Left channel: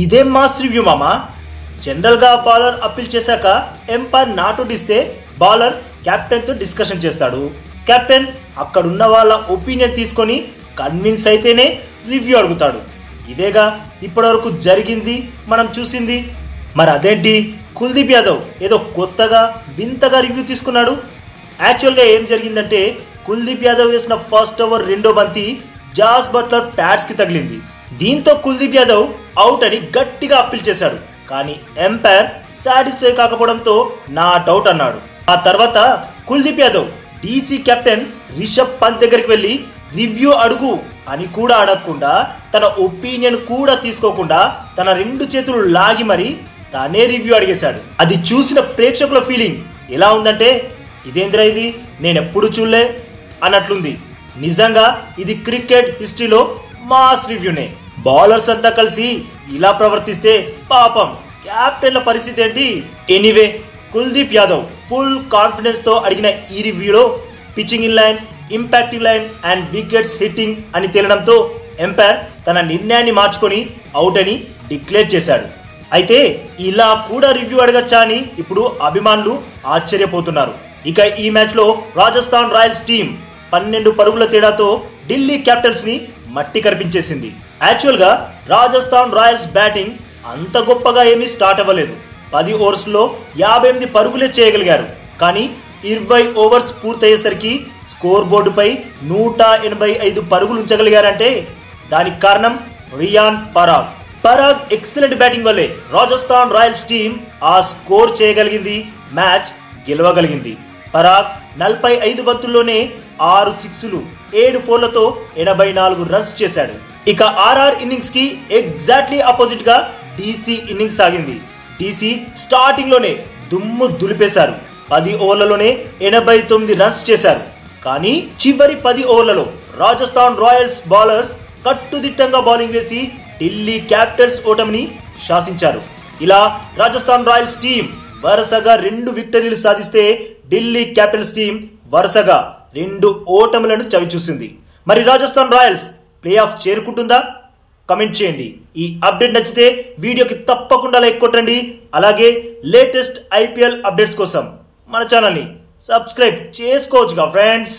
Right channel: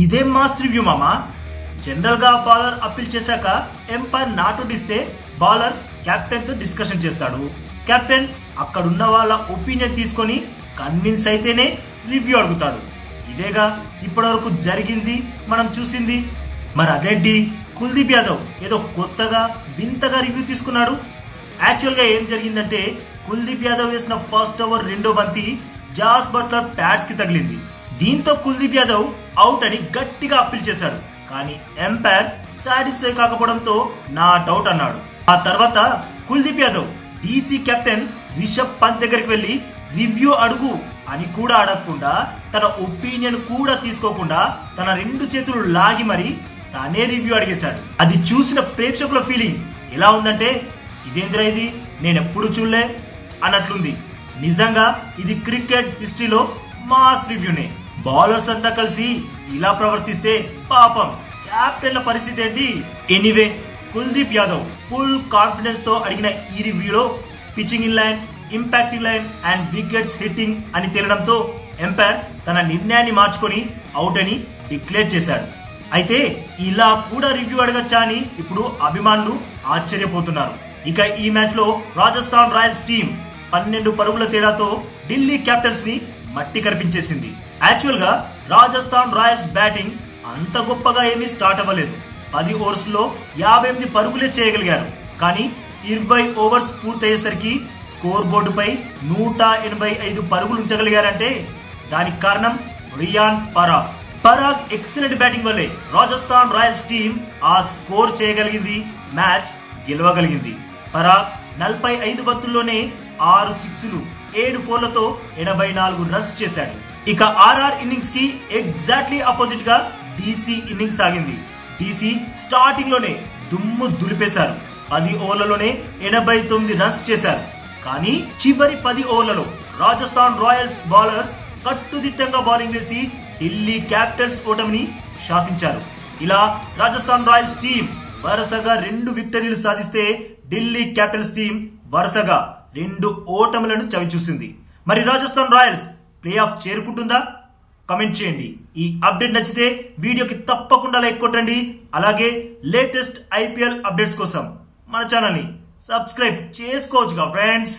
ఇదేం mass review మామా. General గా బౌలర్ అప్పీల్ చేశాక ఎంపైర్ నాట్ ఇస్తే బౌలర్ కెప్టెన్ తో డిస్కషన్ చేస్తాడు. కెప్టెన్ అక్కడున్న వాళ్ళ ఒపీనియన్ తీసుకొని కన్విన్స్ అయితేనే రివ్యూ అడుగుతాడు. ఇదేగా ఇప్పటివరకు జరిగింది, మనం చూసింది. మరి అదేంటి కుల్దీప్ యాదవ్ ఏదో కొత్తగా వింతగా రివ్యూ తీసుకున్నాడు. యాక్చువల్గా ఏం జరిగిందంటే కుల్దీప్ యాదవ్ వేసిన ఫస్ట్ ఓవర్ రెండో బంతి జాస్ బట్లర్ ప్యాడ్స్ కి తగిలింది. దీంతో కుల్దీప్ యాదవ్ అవుట్ అని గట్టిగా అప్పీల్ చేశాడు. కానీ ఎంపైర్ సాటిస్ఫై కాకపోవడంతో నాట్ అవుట్ అన్నాడు. ఆ తర్వాత కుల్దీప్ యాదవ్ డీసీ కెప్టెన్ రిషబ్ పంత్ దగ్గరికి వెళ్లి రివ్యూ అడుగు అని కూడా అడగకుండా, తన ఒపీనియన్ కూడా తీసుకోకుండా తన రెండు చేతులు లాగి మరి తానే రివ్యూ అడిగేశాడు. అది చూసిన ప్రేక్షకుల ఫీలింగ్ ఎలా ఉందంటే, ఇదేంద్రా ఇది, నేనెప్పుడు చూడలే అన్నట్లుంది. నిజంగా ఇది క్రికెట్ హిస్టరీలో మాస్ రివ్యూనే. బౌలర్స్ అంతా కలిసి ఇలా ప్రవర్తిస్తే పాపం కెప్టెన్ల పరిస్థితి ఏంటి? Anyway, Kuldeep Yadav full confidence తో అడిగిన ఈ రివ్యూలో pitching in line, impacting line and wickets hitting అని తేలడంతో ఎంపైర్ తన నిర్ణయాన్ని మార్చుకొని అవుట్ అని డిక్లేర్ చేశాడు. అయితే ఇలా కూడా రివ్యూ అడగచ్చా అని ఇప్పుడు అభిమానులు ఆశ్చర్యపోతున్నారు. ఇక ఈ మ్యాచ్ లో రాజస్థాన్ రాయల్స్ టీం 12 పరుగుల తేడాతో ఢిల్లీ క్యాపిటల్స్ ని మట్టి కనిపించేసింది. యాక్చువల్ గా రాజస్థాన్ రాయల్స్ బ్యాటింగ్ అంత గొప్పగా ఏమీ స్టార్ట్ అవ్వలేదు. 10 ఓవర్స్ లో 58 పరుగులే చేయగలిగారు. కానీ 20 ఓవర్స్ పూర్తయ్యేసరికి స్కోర్ బోర్డుపై 185 పరుగులు ఉంచగలిగారంటే దానికి కారణం రియాన్ పరాగ్. పరాగ్ ఎక్సలెంట్ బ్యాటింగ్ వల్లే రాజస్థాన్ రాయల్స్ టీం ఆ స్కోర్ చేయగలిగింది, మ్యాచ్ గెలవగలిగింది. పరాగ్ 45 బంతుల్లోనే 6 సిక్స్లు 7 ఫోర్లతో 84 రన్స్ చేశాడు. ఇక ఆర్ఆర్ ఇన్నింగ్స్ కి ఎగ్జాక్ట్లీ ఆపోజిట్ గా డీసీ ఇన్నింగ్స్ సాగింది. డీసీ స్టార్టింగ్ లోనే దుమ్ము దులిపేశారు. 10 ఓవర్లలోనే 89 రన్స్ చేశారు. కానీ చివరి 10 ఓవర్లలో రాజస్థాన్ రాయల్స్ బౌలర్స్ కట్టుదిట్టంగా బౌలింగ్ వేసి ఢిల్లీ క్యాపిటల్స్ ఓటమిని శాసించారు. ఇలా రాజస్థాన్ రాయల్స్ టీం వరుసగా 2 విక్టరీలు సాధిస్తే ఢిల్లీ క్యాపిటల్స్ టీం వరుసగా 2 ఓటములను చవిచూసింది. మరి రాజస్థాన్ రాయల్స్ ప్లే ఆఫ్ చేరుకుంటుందా? కమెంట్ చేయండి. ఈ అప్డేట్ నచ్చితే వీడియోకి తప్పకుండా లైక్ కొట్టండి. అలాగే లేటెస్ట్ ఐపీఎల్ అప్డేట్స్ కోసం మన ఛానల్ని సబ్స్క్రైబ్ చేసుకోవచ్చుగా ఫ్రెండ్స్.